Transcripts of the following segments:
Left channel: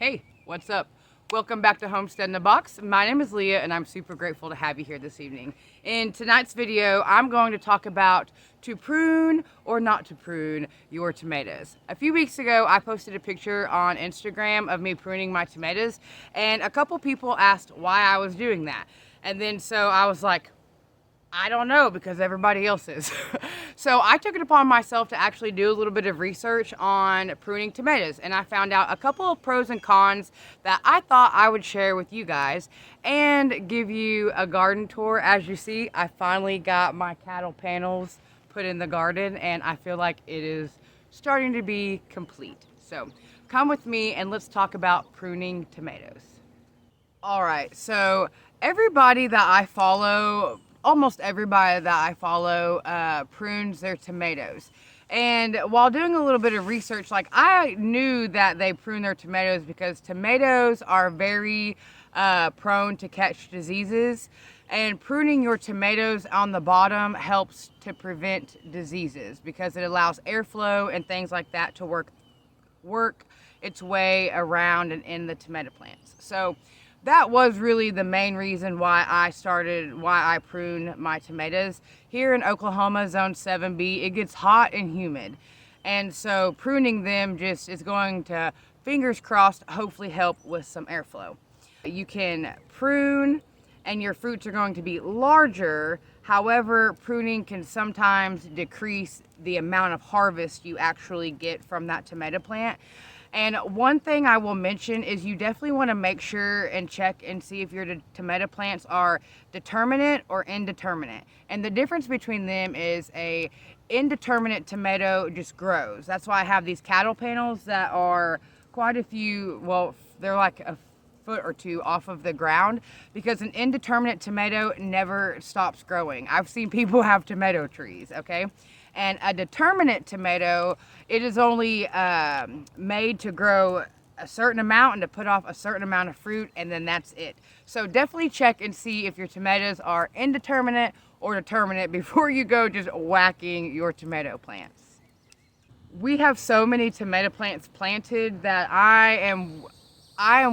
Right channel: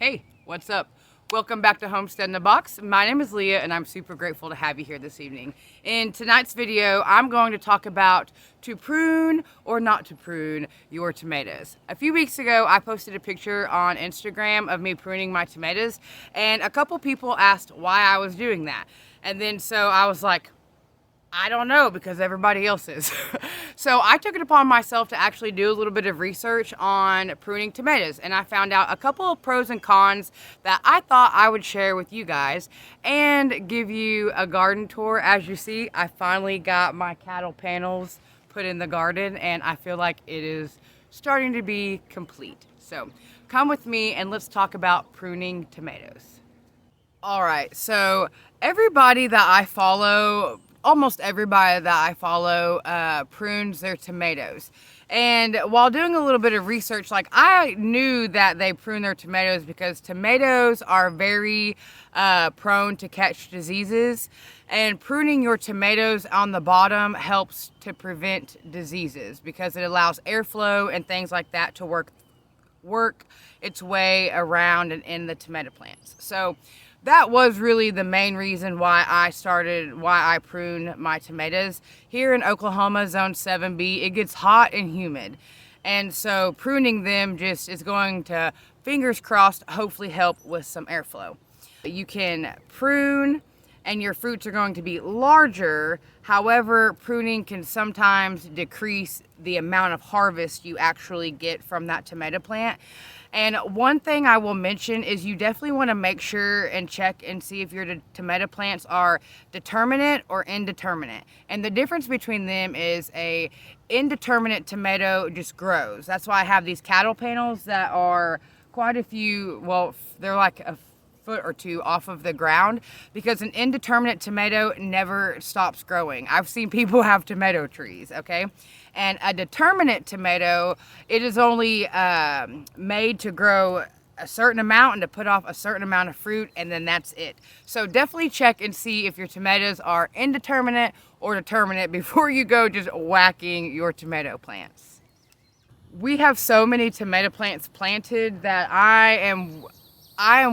Hey, what's up? Welcome back to Homestead in a Box. My name is Leah and I'm super grateful to have you here this evening. In tonight's video, I'm going to talk about to prune or not to prune your tomatoes. A few weeks ago, I posted a picture on Instagram of me pruning my tomatoes, and a couple people asked why I was doing that. And then so I was like, I don't know, because everybody else is. So I took it upon myself to actually do a little bit of research on pruning tomatoes, and I found out a couple of pros and cons that I thought I would share with you guys and give you a garden tour. As you see, I finally got my cattle panels put in the garden, and I feel like it is starting to be complete. So come with me and let's talk about pruning tomatoes. All right, so everybody that I follow, almost everybody that I follow prunes their tomatoes. And while doing a little bit of research, like, I knew that they prune their tomatoes because tomatoes are very prone to catch diseases, and pruning your tomatoes on the bottom helps to prevent diseases because it allows airflow and things like that to work its way around and in the tomato plants. So that was really the main reason why I prune my tomatoes. Here in Oklahoma, zone 7B, it gets hot and humid. And so pruning them just is going to, fingers crossed, hopefully help with some airflow. You can prune and your fruits are going to be larger. However, pruning can sometimes decrease the amount of harvest you actually get from that tomato plant. And one thing I will mention is you definitely want to make sure and check and see if your tomato plants are determinate or indeterminate. And the difference between them is a indeterminate tomato just grows. That's why I have these cattle panels that are quite a few, well, they're like a foot or two off of the ground, because an indeterminate tomato never stops growing. I've seen people have tomato trees, okay? And a determinate tomato, it is only made to grow a certain amount and to put off a certain amount of fruit, and then that's it. So definitely check and see if your tomatoes are indeterminate or determinate before you go just whacking your tomato plants. We have so many tomato plants planted that I am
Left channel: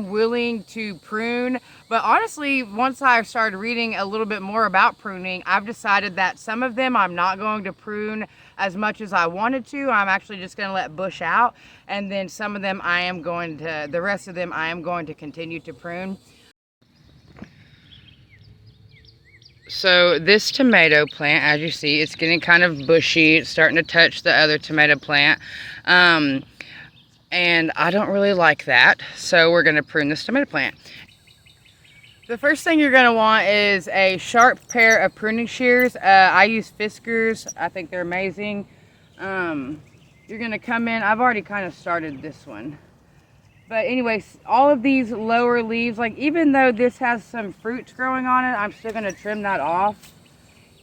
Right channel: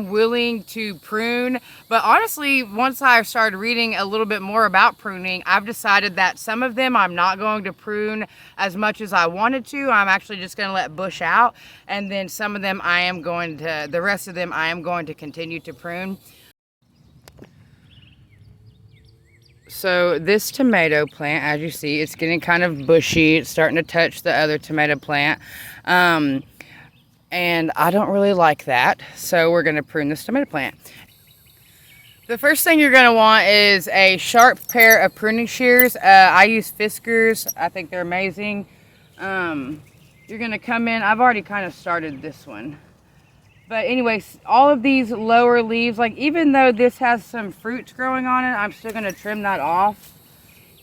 willing to prune, but honestly, once I started reading a little bit more about pruning, I've decided that some of them I'm not going to prune as much as I wanted to. I'm actually just going to let bush out, and then some of them the rest of them I am going to continue to prune. So this tomato plant, as you see, it's getting kind of bushy. It's starting to touch the other tomato plant. And I don't really like that, so we're going to prune this tomato plant. The first thing you're going to want is a sharp pair of pruning shears. I use Fiskars. I think they're amazing. You're going to come in. I've already kind of started this one. But anyways, all of these lower leaves, like, even though this has some fruits growing on it, I'm still going to trim that off.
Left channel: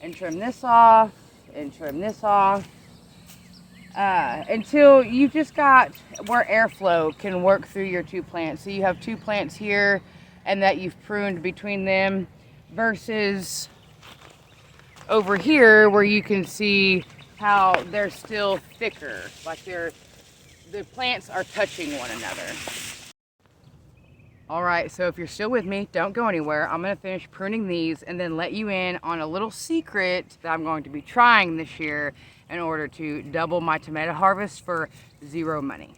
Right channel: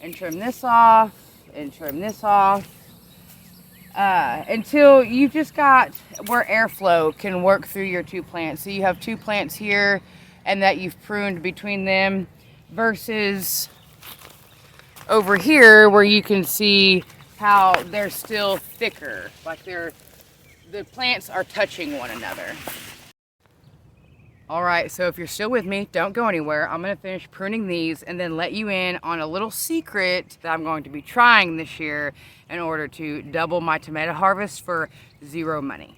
And trim this off. And trim this off. Until you just got where airflow can work through your two plants. So you have two plants here and that you've pruned between them, versus over here where you can see how they're still thicker, like the plants are touching one another. All right, so if you're still with me, don't go anywhere. I'm going to finish pruning these and then let you in on a little secret that I'm going to be trying this year in order to double my tomato harvest for zero money.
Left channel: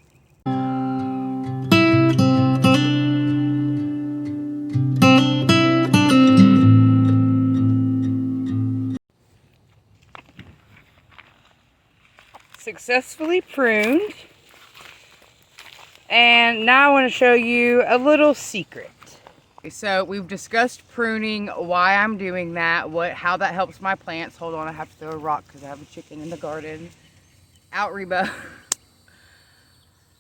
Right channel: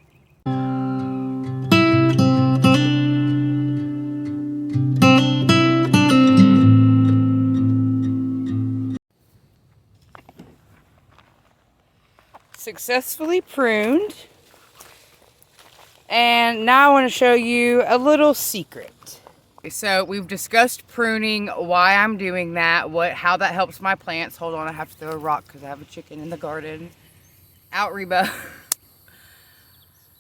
Successfully pruned. And now I want to show you a little secret. So we've discussed pruning, why I'm doing that, how that helps my plants. Hold on, I have to throw a rock because I have a chicken in the garden. Out, Reba.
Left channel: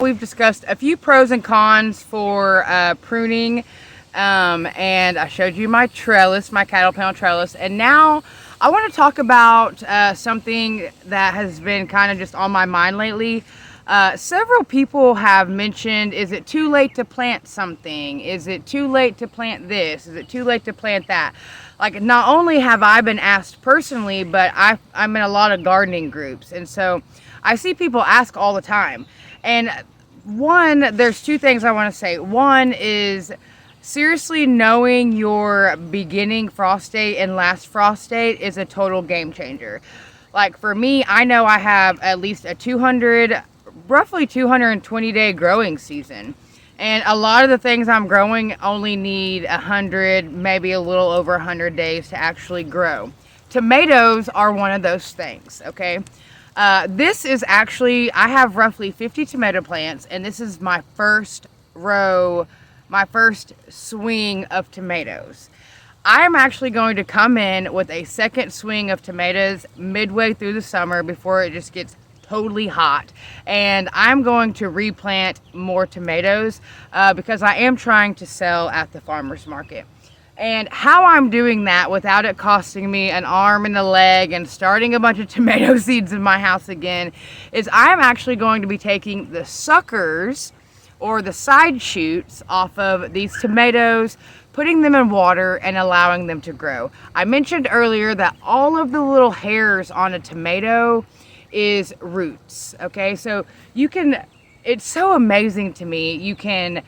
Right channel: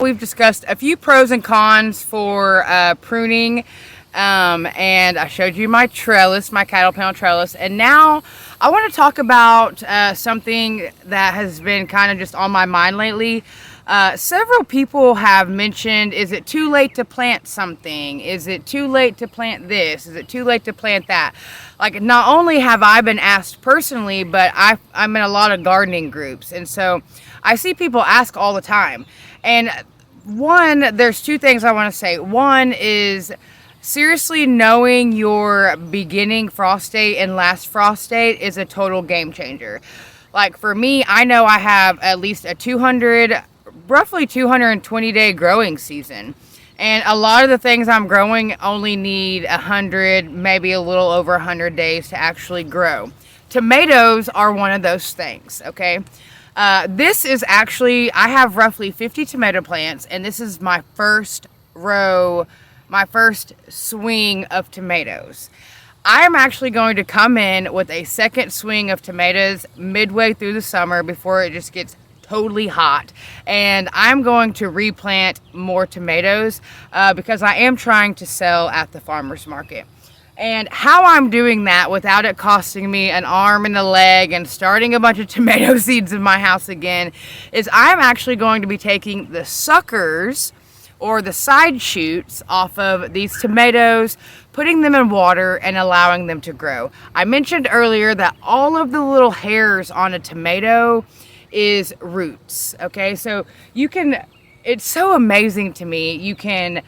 We've discussed a few pros and cons for pruning, and I showed you my trellis, my cattle panel trellis. And now I want to talk about something that has been kind of just on my mind lately. Several people have mentioned, is it too late to plant something? Is it too late to plant this? Is it too late to plant that? Like, not only have I been asked personally, but I'm in a lot of gardening groups. And so I see people ask all the time. And there's two things I want to say. One is seriously knowing your beginning frost date and last frost date is a total game changer. Like for me, I know I have at least a roughly 220 day growing season. And a lot of the things I'm growing only need 100, maybe a little over 100 days to actually grow. Tomatoes are one of those things, okay? This is actually, I have roughly 50 tomato plants, and this is my first swing of tomatoes. I'm actually going to come in with a second swing of tomatoes midway through the summer before it just gets totally hot, and I'm going to replant more tomatoes because I am trying to sell at the farmers market. And how I'm doing that without it costing me an arm and a leg and starting a bunch of tomato seeds in my house again is I'm actually going to be taking the suckers or the side shoots off of these tomatoes, putting them in water and allowing them to grow. I mentioned earlier that all of the little hairs on a tomato is roots, okay? So it's so amazing to me. You can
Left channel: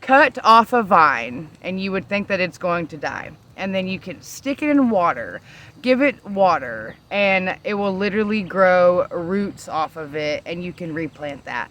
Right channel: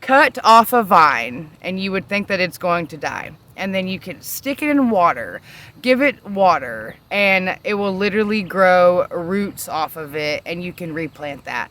cut off a vine and you would think that it's going to die, and then you can stick it in water, give it water, and it will literally grow roots off of it, and you can replant that.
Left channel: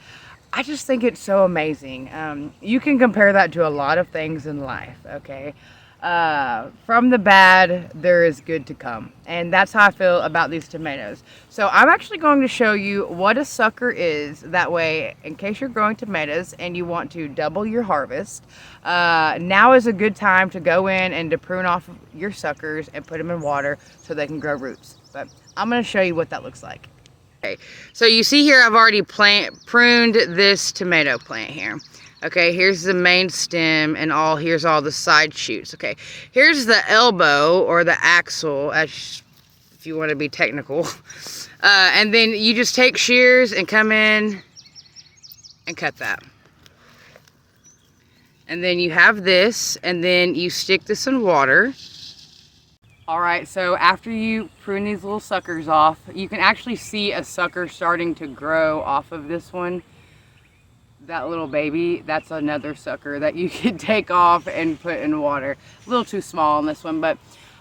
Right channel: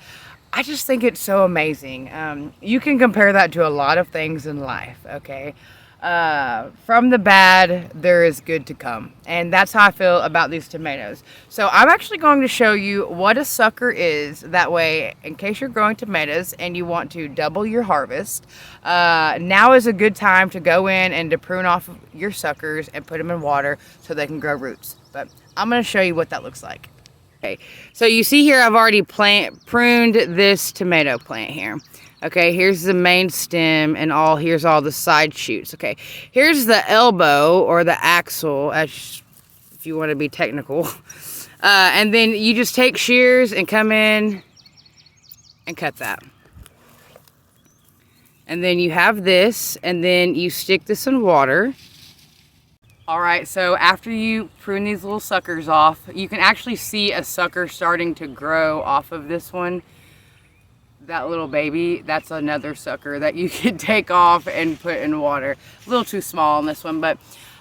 I just think it's so amazing. You can compare that to a lot of things in life, okay? From the bad, there is good to come. And that's how I feel about these tomatoes. So I'm actually going to show you what a sucker is. That way, in case you're growing tomatoes and you want to double your harvest, now is a good time to go in and to prune off your suckers and put them in water so they can grow roots. But I'm going to show you what that looks like. Okay, so you see here I've already pruned this tomato plant here. Okay, here's the main stem and here's all the side shoots. Okay, here's the elbow or the axle, if you want to be technical. And then you just take shears and come in and cut that. And then you have this, and then you stick this in water. All right, so after you prune these little suckers off, you can actually see a sucker starting to grow off of this one. That little baby, that's another sucker that you can take off and put in water. A little too small on this one, but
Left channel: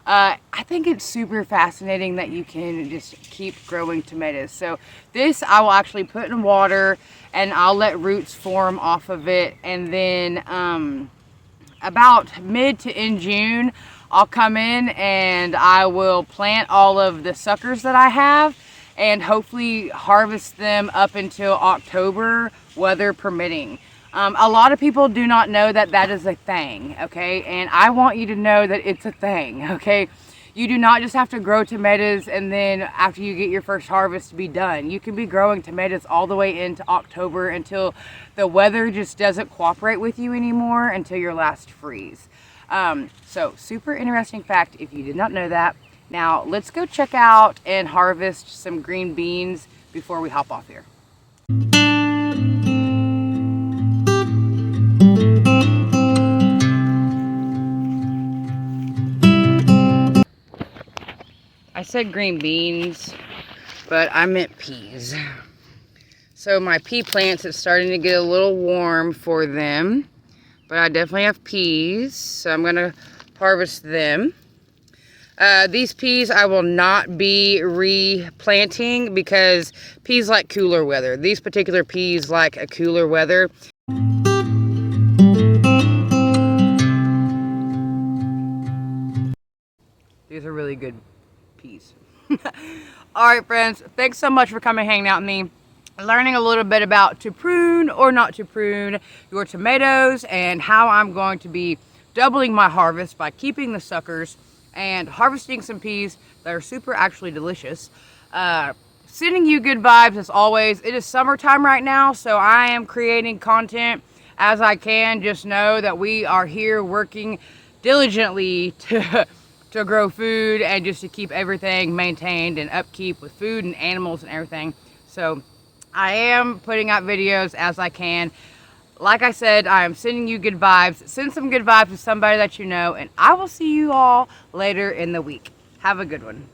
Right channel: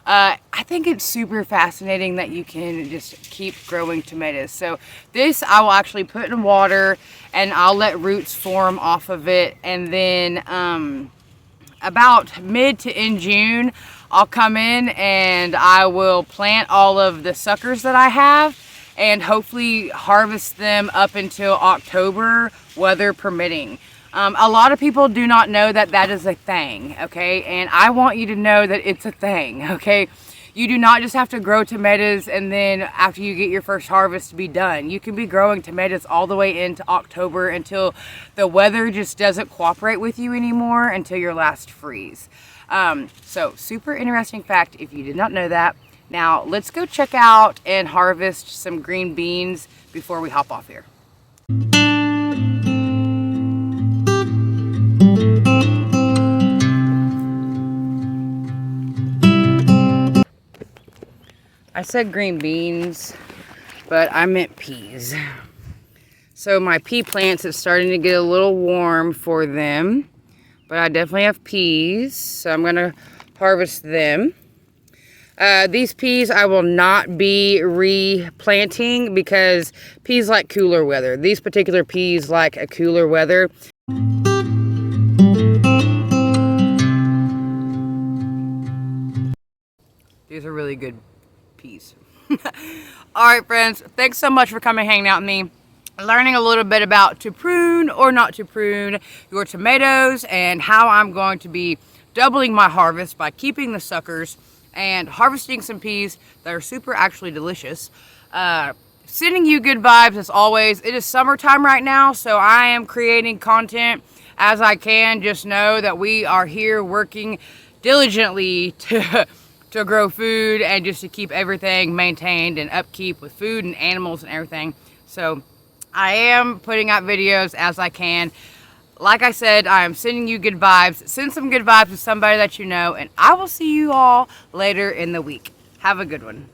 I think it's super fascinating that you can just keep growing tomatoes. So this I will actually put in water and I'll let roots form off of it. And then about mid to end June, I'll come in and I will plant all of the suckers that I have and hopefully harvest them up until October, weather permitting. A lot of people do not know that that is a thing, okay? And I want you to know that it's a thing, okay? You do not just have to grow tomatoes and then after you get your first harvest be done. You can be growing tomatoes all the way into October until the weather just doesn't cooperate with you anymore until your last freeze. So super interesting fact if you did not know that. Now let's go check out and harvest some green beans before we hop off here. I said green beans, but I meant peas. So my pea plants are starting to get a little warm for them, but I definitely have peas, so I'm gonna harvest them. These peas I will not be replanting because peas like cooler weather. These particular peas like a cooler weather. These are really good peas. All right, friends, thanks so much for coming hanging out with me, learning a little bit about to prune or not to prune your tomatoes and how I'm going to be doubling my harvest by keeping the suckers and harvesting some peas that are super actually delicious. Sending you good vibes as always. It is summertime right now, so I am creating content as I can. Just know that we are here working diligently to grow food and just to keep everything maintained and upkeep with food and animals and everything. So I am putting out videos as I can. Like I said, I am sending you good vibes. Send some good vibes to somebody that you know, and I will see you all later in the week. Have a good one.